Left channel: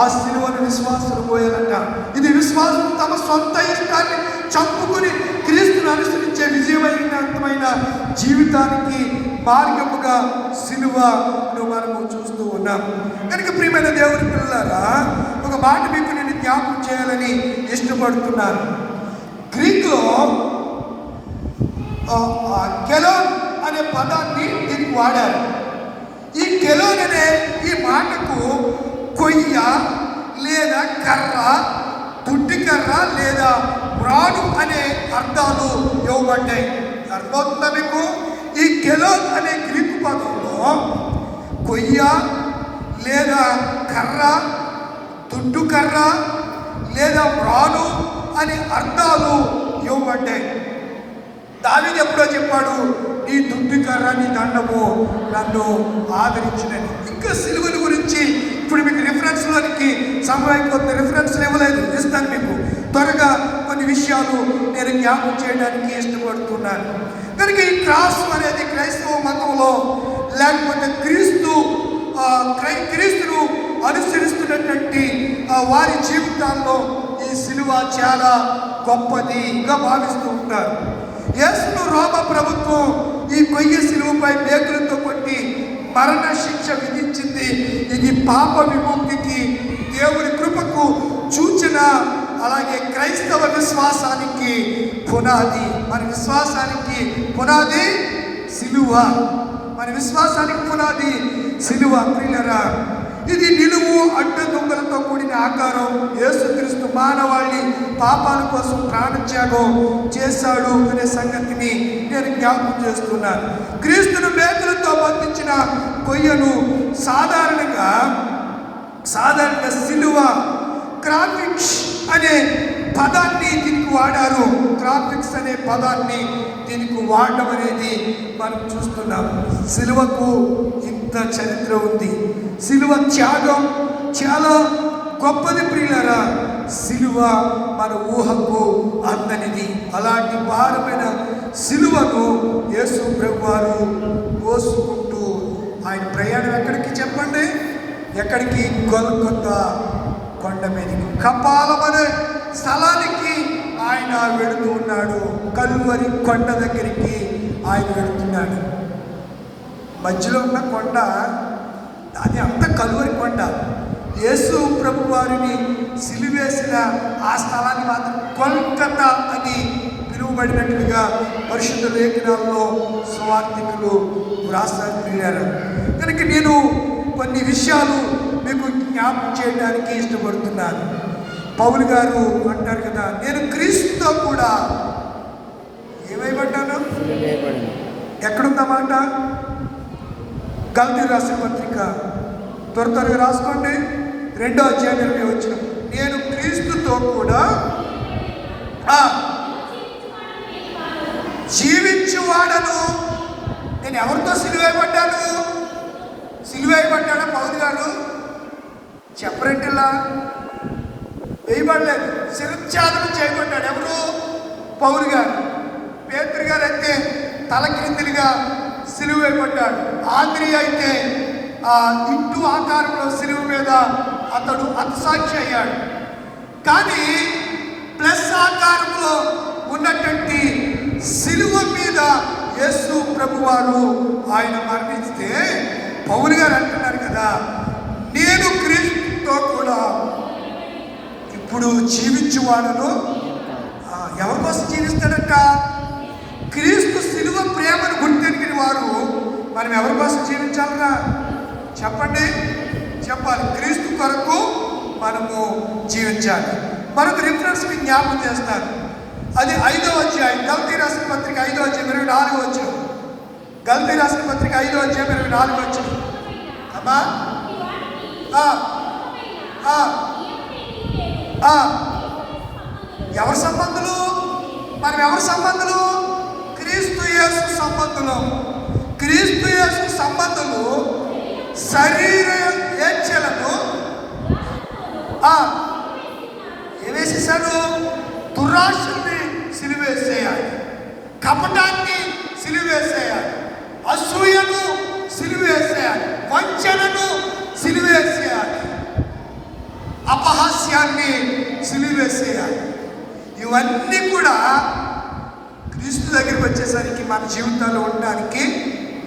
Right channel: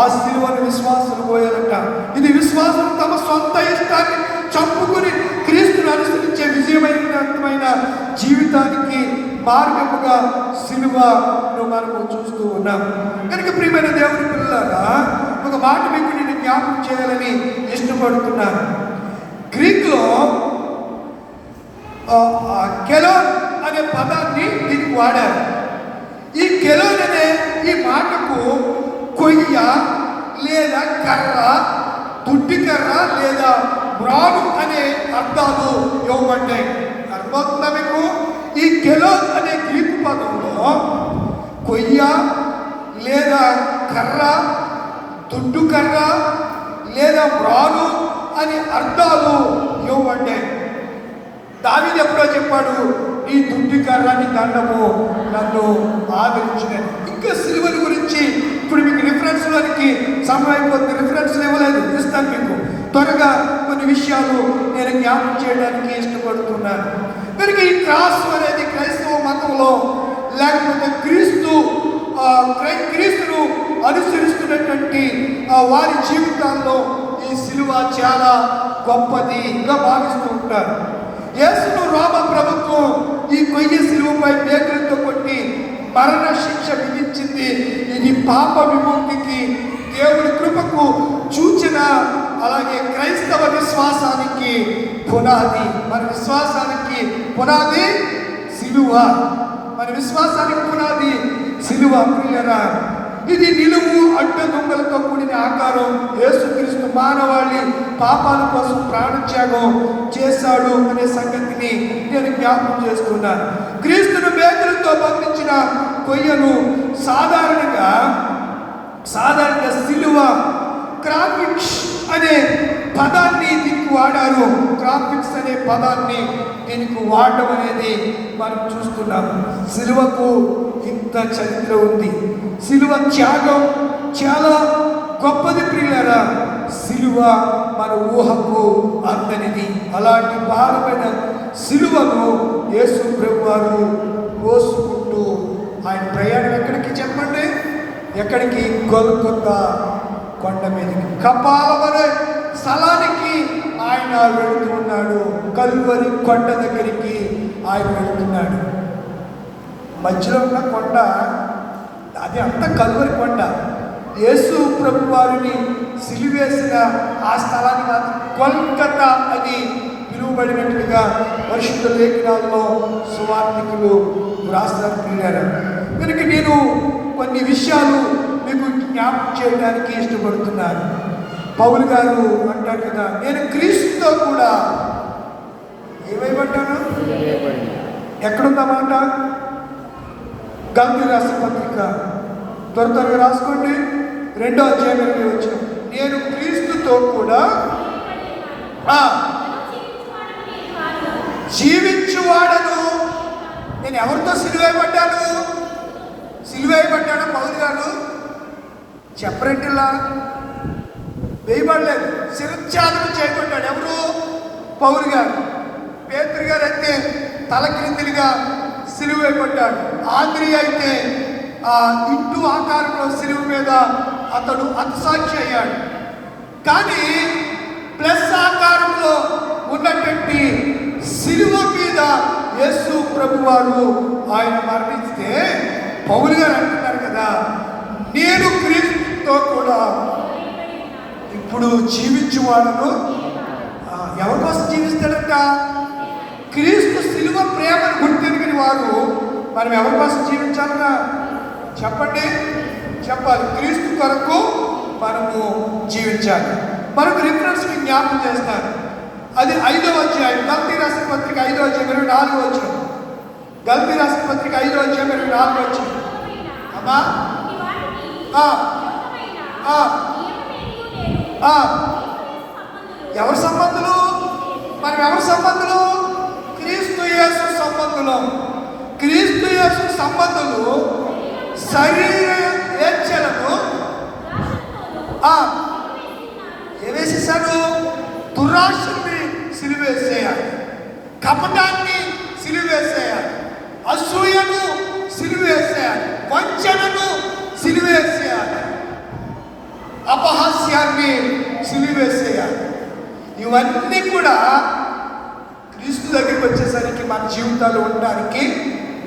ఆ సిలువను విశ్వాసులు పోయారట. ఇది విశ్వాసులు తమ సొంత ఇష్టాన్ని చంపుకుని క్రీస్తును అనుసరించే విజయవంతమైన జీవితానికి మార్గముగా సిలువను మనము చూస్తూ ఉన్నాం. కనుక ప్రియమైన దేవుని పిల్లలారా, ఒక మాట మీకు నేను జ్ఞాపకం చేయాలని ఇష్టపడుతున్నాను. గ్రీకులో కెలోన్ అనే పదాన్ని దీనికి వాడారు. ఈ కెలోన్ అనే ఈ మాటకు కొయ్య లేదా కర్ర, దుడ్డి కర్ర లేదా మ్రాను అనే అర్థాలు ఇవ్వబడ్డాయి. అర్థమవుతుందా మీకు? ఈ కెలోన్ అనే గ్రీకు పదంలో కొయ్య లేదా కర్ర, దుడ్డు కర్ర లేదా మ్రాను అనే అర్థాలు ఇవ్వబడ్డాయి. దావీదు ఎప్పుడో చెప్పాడు, ఈ దుడ్డు కర్ర నీ దండము నన్ను ఆదరించినది. ఇంకా సిలువల గురించి ఇప్పుడు మీకు రిఫరెన్స్లోనికి సమయం అయిపోతుంది. రిఫరెన్స్లు ఇవ్వలేదు, ఇస్తాను మీకు త్వరగా కొన్ని విషయాలు నేను జ్ఞాపకం చేయడానికి ఇష్టపడుతున్నాను. కనుక ఈ క్రాస్ అనేది క్రైస్తవ మతంలో లేకపోతే క్రీస్తును అనుసరిస్తున్నటువంటి వారి జీవితాల్లో ఈ సిలువ చాలా గొప్పదిగా భావిస్తూ ఉంటారు. యేసును రోమ ప్రభుత్వం ఈ కొయ్య సిలువపై మేకులతో కొట్టి మరణ శిక్ష విధించింది. ఇది పాప విముక్తికి, దేవుని కృపకు సూచన. అలాగే క్రైస్తవ విశ్వాసానికి పునాది. మన విశ్వాసానికి పునాది సిలువ. మన విశ్వాసానికి పునాది సిలువ. ప్రియులారా, ఇది నిలువు అడ్డ దొంగలతో కూడిన ఆకారం. యేసుక్రీస్తు మానవాళి పాపాల కోసం ప్రాణత్యాగం చేశాడు అనే సంగతిని నేను జ్ఞాపకం చేస్తున్నాను. క్రీస్తును మేకులతో బంధించిన కొయ్యను సాధారణంగా సిలువ క్రాఫిక్స్ అనే పదాన్ని దీనికి వాడారు. క్రాఫిక్స్ అనే పదాన్ని దీనికి వాడడం అనేది మనం చూస్తున్నాం. సిలువకు ఇంత చరిత్ర ఉంది. సిలువ త్యాగం చాలా గొప్పది ప్రియులారా. సిలువ మన ఊహకు అందనిది. అలాంటి భారమైన సిలువను యేసు ప్రభువారు మోసుకుంటూ ఆయన ప్రయాణం ఎక్కడికి చెప్పండి? ఎక్కడికి? గొల్గొతా కొండ మీదకి, కపాలం అనే స్థలానికి ఆయన వెళుతూ ఉన్నాడు. కల్వరి కొండ దగ్గరికి ఆయన వెళుతున్నాడు. మధ్యలో ఉన్న కొండ అది అంత కల్వరి కొండ. యేసు ప్రభు వారిని సిలువేసిన ఆ స్థలాన్ని మాత్రం గొల్గొతా అని పిలువబడినట్లుగా పరిశుద్ధ లేఖనాల్లో సువార్తికులు రాస్తారు. ప్రియులారా, కనుక నేను కొన్ని విషయాలు మీకు జ్ఞాపకం చేయడానికి ఇష్టపడుతున్నాను. పౌలు గారు అంటారు కదా, నేను క్రీస్తుతో కూడా ఏమైపడ్డాను. ఎక్కడుందన్నమాట? గలతీ రాసిన పత్రిక త్వరగా రాసుకోండి. 2వ అధ్యాయం 20వ వచనం. నేను క్రీస్తుతో కూడా జీవించువాడను. నేను ఎవరితో సిలువేయబడ్డాను? సిలువేయబడ్డాడు పౌలు గారు చెప్పరెట్లా వేయబడలేదు, శిరఛాదనం చేయబడ్డాడు. ఎవరు? పౌలు గారు. పేతురు గారు అయితే తల క్రిందులుగా సిలువేయబడ్డాడు. ఆంద్రియ అయితే ఇంటూ ఆకారంలో సిలువ మీద అతడు హతసాక్షి అయ్యాడు. కానీ ప్లస్ ఆకారంలో ఉన్నటువంటి సిలువ మీద యేసు ప్రభు వారు ఆయన మరణిస్తే పౌలు గారు అంటున్నారు కదా, నేను క్రీస్తుతో కూడా ఇప్పుడు జీవించువాడను. ఎవరి కోసం జీవిస్తాడట? క్రీస్తు సిలువ ప్రేమను గుర్తెరిగిన వారు మనం ఎవరి కోసం జీవించాలన్నా చెప్పండి? చెప్పాలి. క్రీస్తు కొరకు మనము జీవించాలి. మరొక రిఫరెన్స్ మీకు జ్ఞాపకం చేస్తాను. అది 5వ అధ్యాయం గలతీ రాసిన పత్రిక 5వ అధ్యాయం 24వ వచనం. గలతీ రాసిన పత్రిక 5వ అధ్యాయం 24వ వచనం. అమ్మా ఎవరి సంబంధులు? మనం ఎవరి సంబంధులు? క్రీస్తు యేసు సంబంధులు. క్రీస్తు యేసు సంబంధులు శరీర ఏచ్ఛలను ఏవేసేసాడు? దురాశల్ని సిలువేసేయాలి, కపటాన్ని సిలువేసేయాలి, అసూయను సిలువేసేయాలి, వంచనను సిలువేసేయాలి. సిలువ వేసేయాలి. ఇవన్నీ కూడా క్రీస్తు దగ్గరికి వచ్చేసరికి మన జీవితాలు ఉండడానికి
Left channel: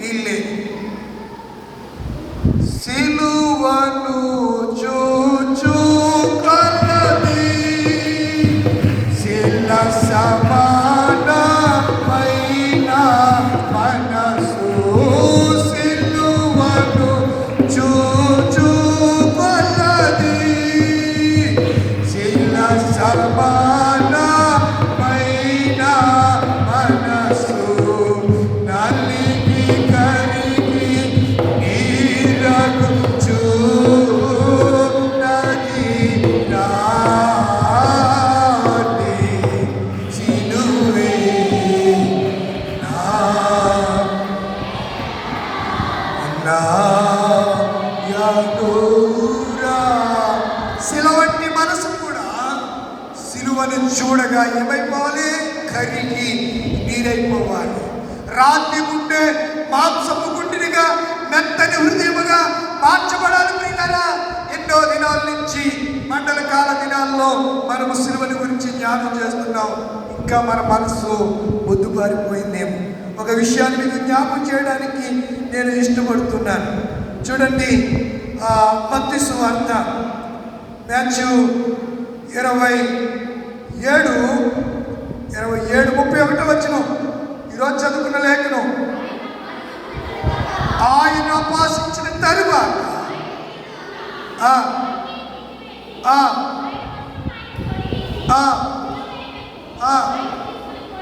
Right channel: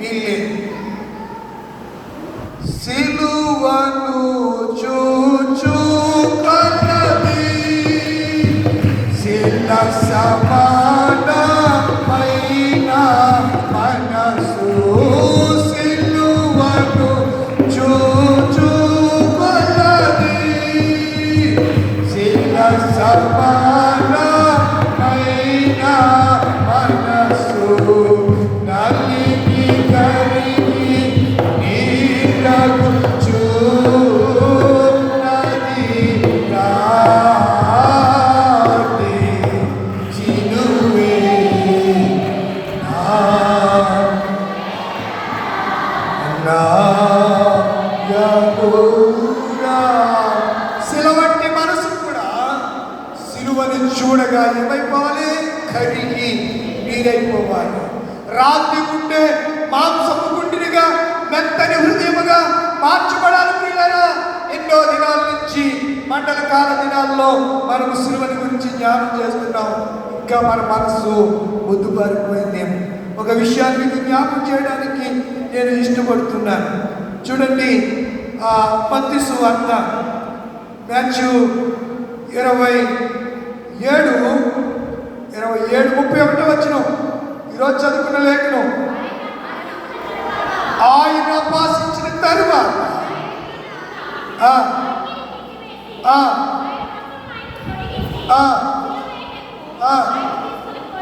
వీల్లేదు. సిలువను చూచు కలది శిల సమానమైన మనసు, సిలువను చూచు కలది శిల సమానమైన మనసు, నలిగి కరిగి నీరగుచున్నది నాటి సిలువే నా యెహోవా. సిలువంటి మనసు కూడా సిలువను చూడగా ఏమైపోవాలి? కరిగి నీరైపోవాలి. రాతి గుండె మాంసపు గుండెనిగా మెత్తని హృదయముగా మార్చబడాలి. ప్రియులారా, ఎన్నో దినాల నుంచి మండల కాల దినాల్లో మనము సిలువని గురించి ధ్యానం చేస్తున్నాం. ఇంకా మన మనసు బొద్దుబారిపోయిందేమో. ఒక విషయాన్ని మీకు జ్ఞాపకం చేయడానికి నేను ఇష్టపడుతున్నాను. చూడండి, మత్తయి సువార్త మాథ్యూ 27:31 వచనం. ఈరోజు చదువుకున్న లేఖనం. ఆయన ఉపాసించిన తరువాత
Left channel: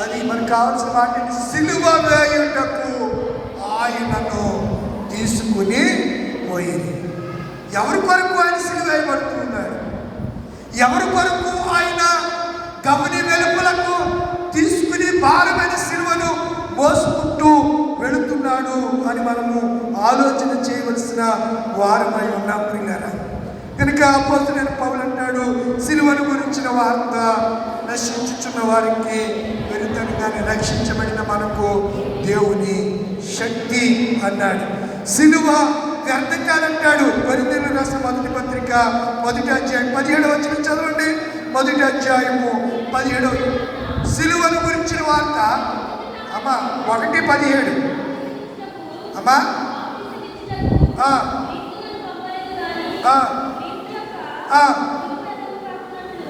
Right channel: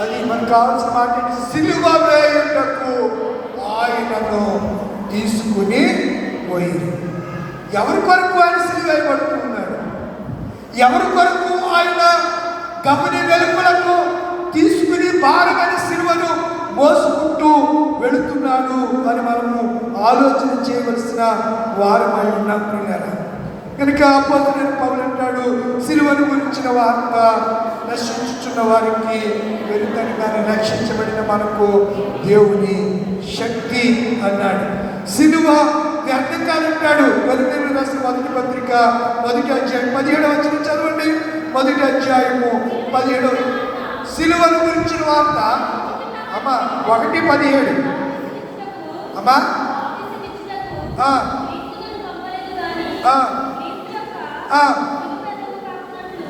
అది మనకు కావాల్సిన మాట. సిలువ వేయుటకు ఆయనను తీసుకుని పోయింది. ఎవరి కొరకు ఆయన సిలువ వేయబడుతున్నాడు? ఎవరి కొరకు ఆయన గమని వెలుపలకు తీసుకుని భారమైన సిలువను మోసుకుంటూ వెళుతున్నాడు అని మనము ఆలోచన చేయవలసిన వారమై ఉన్నాం ప్రియులారా. కనుక అపోస్తలుడైన పౌలు అంటాడు, సిలువను గురించిన వార్త నశించుచున్న వారికి వెలుతనిగానే రక్షించబడిన మనకు దేవుని శక్తి అన్నాడు. సిలువ వ్యర్థం కాదంటాడు. కొరింథీయులకు రాసిన మొదటి పత్రిక 1వ అధ్యాయం 17వ వచనం చదవండి. 1వ అధ్యాయము 17వ. సిలువను గురించిన వార్త అమ్మా 1:17 అమ్మా.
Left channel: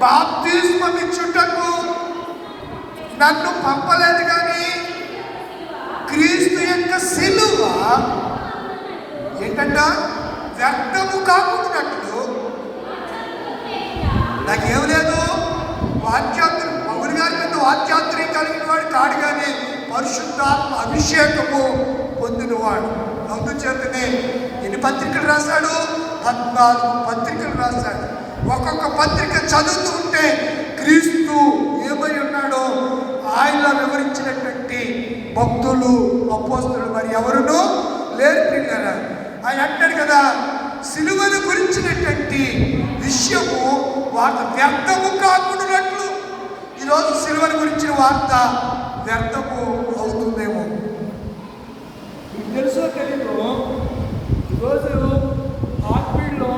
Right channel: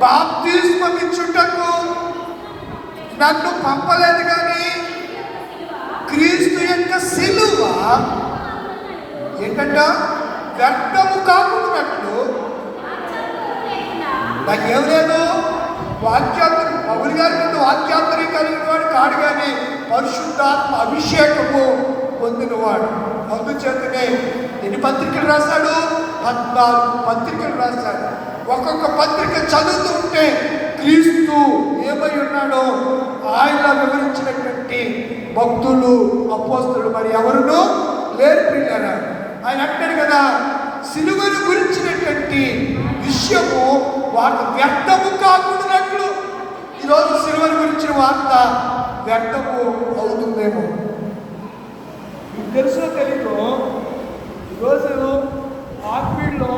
బాప్తిస్మం ఇచ్చుటకు నన్ను పంపలేదు కానీ క్రీస్తు యొక్క సిలువ ఏంటంట వ్యర్థము కాకున్నట్లు. నాకేం లేదు, వాక్యాత్రి పౌలు గారి మీద వాక్యాత్రి కలిగిన వాడు కాడు కానీ పరిశుద్ధాత్మ అభిషేకము పొందినవాడు. అందుచేతనే ఎన్ని పత్రికలు రాశాడు? 14 పత్రికలు రాశాడు. ఒక్కొక్క పత్రిక చదువుతూ ఉంటే క్రీస్తు ఏమై ఉన్నాడో ఆయన వివరించినటువంటి భక్తులు అపోస్తలులు మరి ఎవరునూ లేరు ప్రియులారా. ఆయన అంటాడు కదా, సిలువను గురించినటువంటి విషయము వార్త వ్యర్థము కాకుండానట్లు. ఈరోజు సిలువను గురించిన వార్త వ్యర్థము అవుతుందేమో. మీకు తెలుసో తెలీదు, ఈరోజు ఆర్పీడ్లో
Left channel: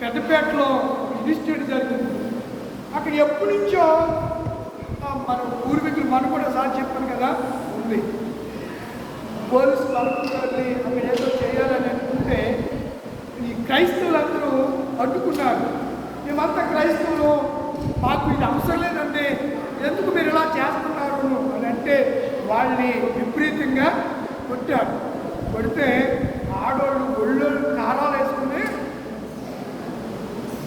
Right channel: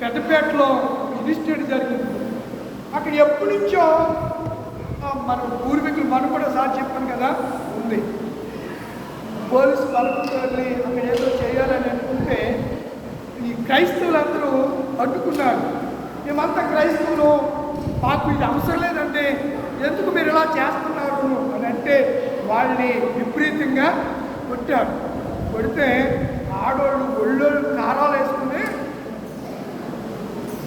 పెద్దపేటలో ఇన్స్టిట్యూట్ జరిగింది. అక్కడ ఎప్పటి నుంచో మన పూర్వీకులు మనం కూడా సార్ చెప్పాను కదా ఉంది. పోలీసు బలపంతో అక్కడ ఏదో చేయాలని అనుకుంటే ఈ క్రైస్తవులందరూ అడ్డుకున్నారు. మేమంతా క్రైస్తవులు, మాకు ఇది అవసరం లేదంటే ఎందుకు మీరు ఇలా చేస్తున్నారు అని అంటే వాళ్ళని విపరీతంగా కొట్టారు. కొడితే ఆడోళ్ళు ఒళ్ళోళ్ళు కారాలు వేసుకుని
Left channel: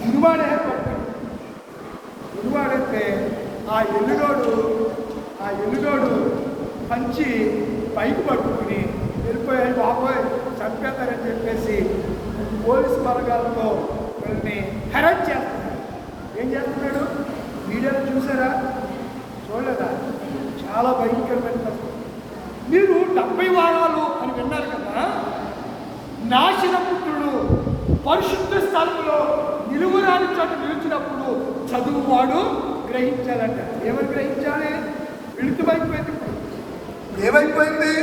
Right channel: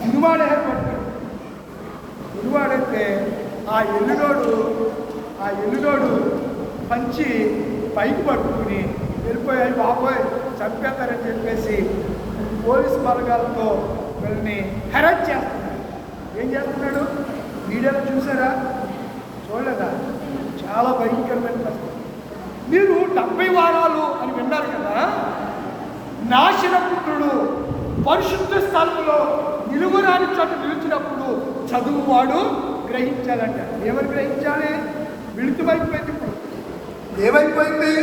ఉరువాడే పట్టారు. ఉరువాడైతే ఆ ఎల్లుడోడు పంచి పైకి పట్టుకుని వెళ్ళిపోయాయి. బాబోయ్ చంపేస్తారని చెప్పేసి పోలీసు బలగాలతో వీళ్ళని హెరాస్ చేస్తున్నాడు. ఏం చేస్తున్నాడు? వీడియోలో చూసారా? చూడలేదా? చాలా భయంకరమైన పరిస్థితి. మీరు 70 వారాలు అని విన్నారు కదా. నాశనపుత్రుడు పరిశుద్ధ స్థలంలో నిలువరాని చోట నిలిచినప్పుడు చదువువాడు గ్రహించాలంట. ఏమని గ్రహించాలి? విళితమైపోయింది. ఇప్పుడు ఏమైపోయింది?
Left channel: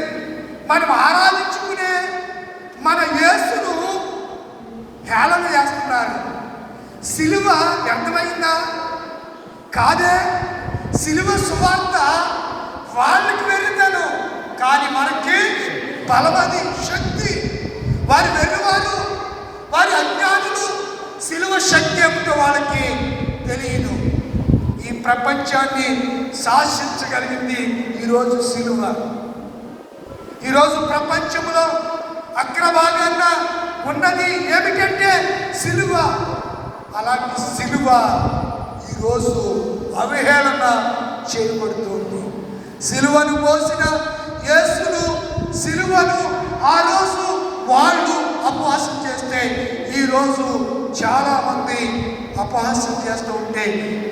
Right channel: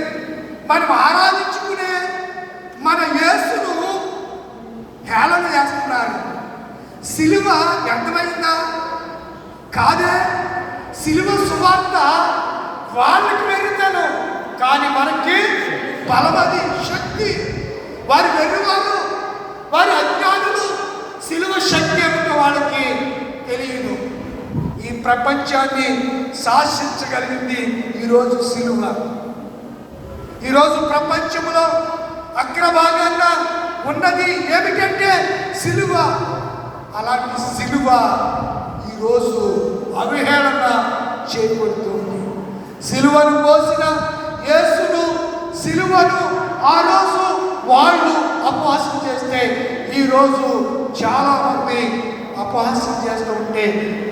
మనం ఆరాధించుకునే మన యేసును హేళన చేస్తున్నారు. సిలువ వ్యర్థమైందా? కాదే. సిలువ సువార్త వాళ్ళకి వెర్రితనం, కానీ మనకి బలమది, శక్తి. వారి వెర్రివారు, వారి అజ్ఞానులు. సిలువ శక్తి ఏమిటో వాళ్ళకి తెలియదు. ఈ ప్రపంచాన్ని శాసించగలిగింది ఈరోజు సిలువ. ఈరోజు ప్రపంచంలో అగ్రభాగాన ఉన్నది ఏమిటంటే సిలువ. అలాంటి సిలువ ఈరోజు అవహేళన చేయబడుతుంది. సిలువను మోసిన యేసును, సిలువను ఆ రోజు వాళ్ళు అపహాస్యం చేస్తే ఈరోజు చాలా మంది అపహాస్యం చేస్తూ ఉంటే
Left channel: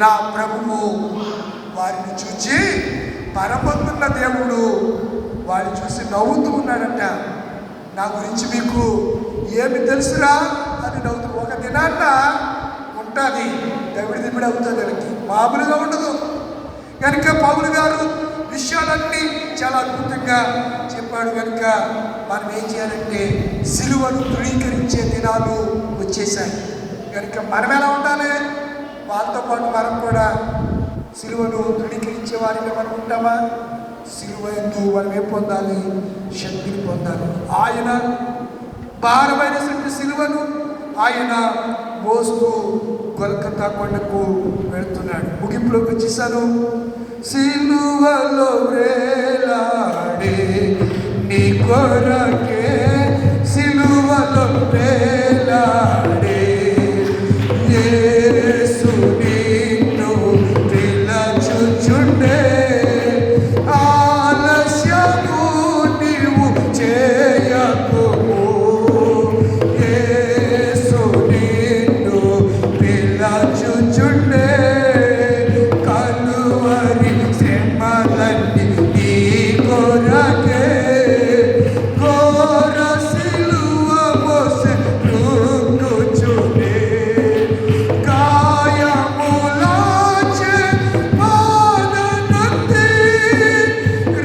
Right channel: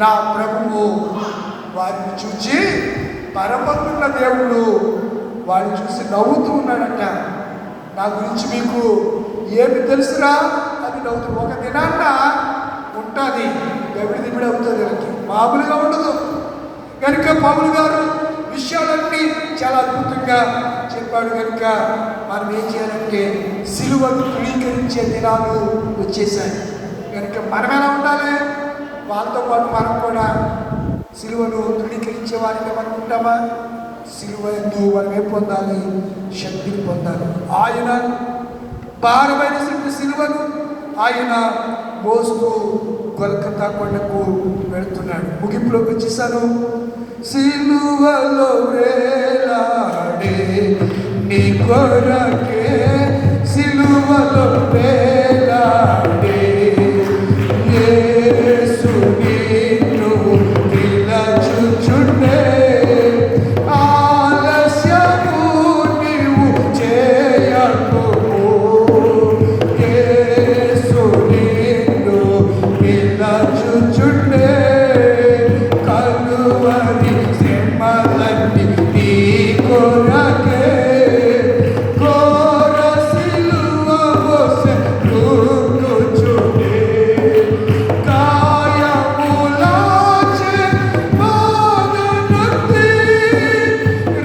నా ప్రభువు వారిని చూచి, పరమందున్న దేవుడు వారిని చూసి నవ్వుతూ ఉన్నాడంట. నా గురించి మీకు ఏమి తెలుసురా అని నవ్వుతూ. ఒక దినాన్న ఉంటుంది, దవిడి దిమిడి అవుతుంది, దానికి మామూలుగా ఉండదు. కనుక పౌలు గారు విషయాలన్నీ చాలా అద్భుతంగా చెప్పాడు. కనుక మనం ఏం చేయాలంటే సిలువను ధృవీకరించే దినాలు వచ్చేసాయి. కనుక మనం ఎలా ఉండాలి? వాళ్ళతో పాటు మనం కూడా సిలువను ధృవీకరించే వారిగా మనం ఉంటామా? సిలువ ఎందు మనం ఏం పొందాలి? శక్తిని పొందాలి. ఆయన భారమైన సిలువను ఆయన మోస్తూ గొల్గొతా కొండకు వెళుతున్నాడు. ముగింపులోకి వచ్చేసాను. సిలువలో వేలాడే నీ కొరకే, సిలువలో వేలాడే యేసు నిన్ను పిలచుచుండే, ఆలస్యము నీవు చేయకు, యేసు నిన్ను పిలచుచుండే, కలువరి శ్రమలన్నీ నీ కొరకే, ఘోర సిలువ మోసె కృంగుచుండే, గాయములాచే బాధనొంది,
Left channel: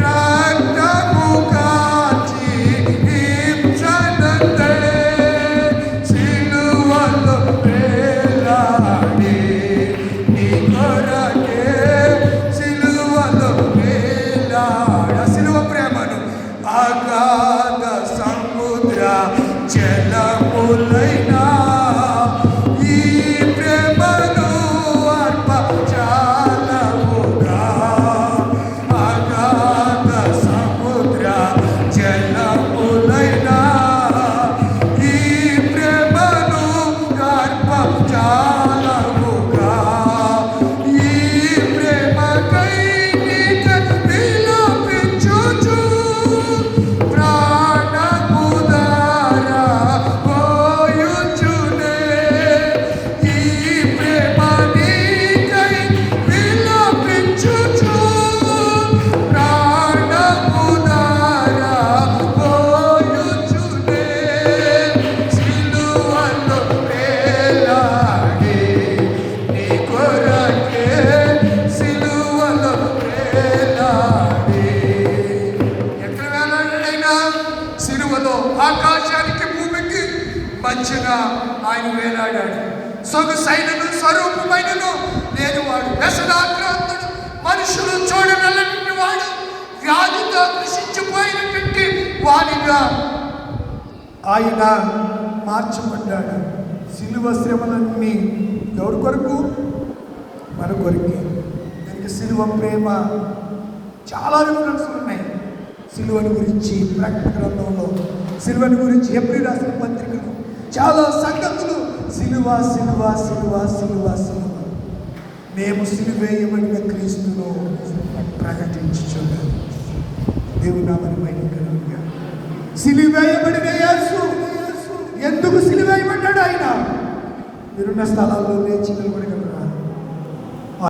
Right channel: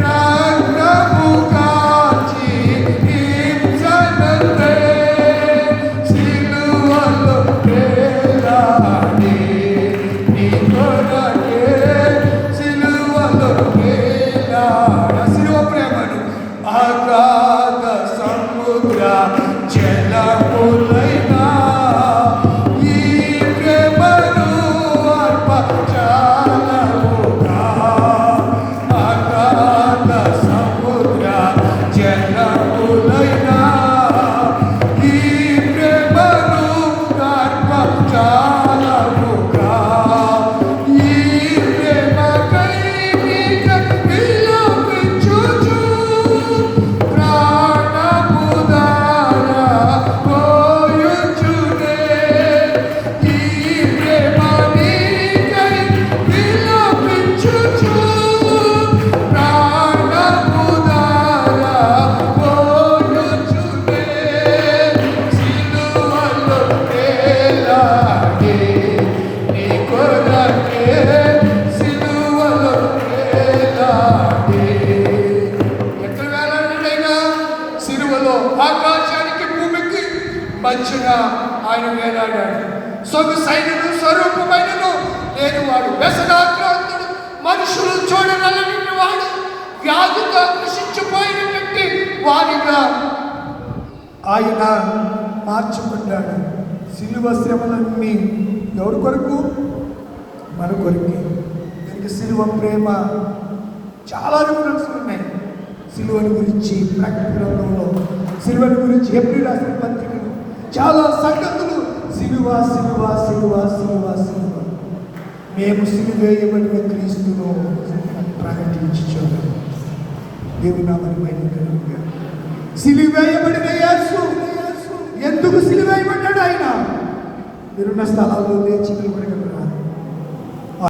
రక్తము కాచి హింసనందే, సిలువలో వేలాడే నీ కొరకే, సిలువలో వేలాడ. సిలువ ప్రేమను అగాధ సముద్ర జలములైనా ఈ ప్రేమను అర్పచాలముగా, అగాధ సముద్ర జలములైనా ఈ ప్రేమను అర్పచాలముగా, ఈ ప్రేమకై నీక విలపించుచు, ప్రాణము దారా పోయుచునే, ఈ ప్రేమ నీకై విలపించుచు, ప్రాణము దారా పోయుచునే, సిలువలో వేలాడే నీ కొరకే, సిలువలో వేలాడే. ఎక్కడ వేలాడినైనా సిలువలో ఆకాశానికి భూమికి మధ్యన ఆయన వేలాడాడు. సొగసైనను స్వరూపమైనను లేనివాడు, వ్యసనాక్రాంతుడు, మనుషులు చూడనల్లని వాడు, వ్యాధితో కృషించిపోయినటువంటి వాడిగా ఆయన మార్చబడ్డాడు. సిలువ శ్రమలన్నీ ఎవరి కొరకు? మన కొరకే. దీనికి సిలువ ప్రేమ చాలా రిఫరెన్స్లు ఉన్నాయి. సిలువను గురించి ప్రకటన గ్రంథంలో, సిలువను గురించి హెబ్రీ రాసిన పత్రికలు చాలా సంగతులు. సిలువ సిలువ సిలువ సిలువ సిలువ. మేము సిలువేయబడిన క్రీస్తును ప్రకటించుచున్నాము. దేవుని నామమున మహిమ కలుగుగా. సిలువేయబడిన యేసు ఎందుకు సిలువేయబడ్డాడు? ఆయన మీరున్న స్థలంలో లేచి నిలబడగలరా?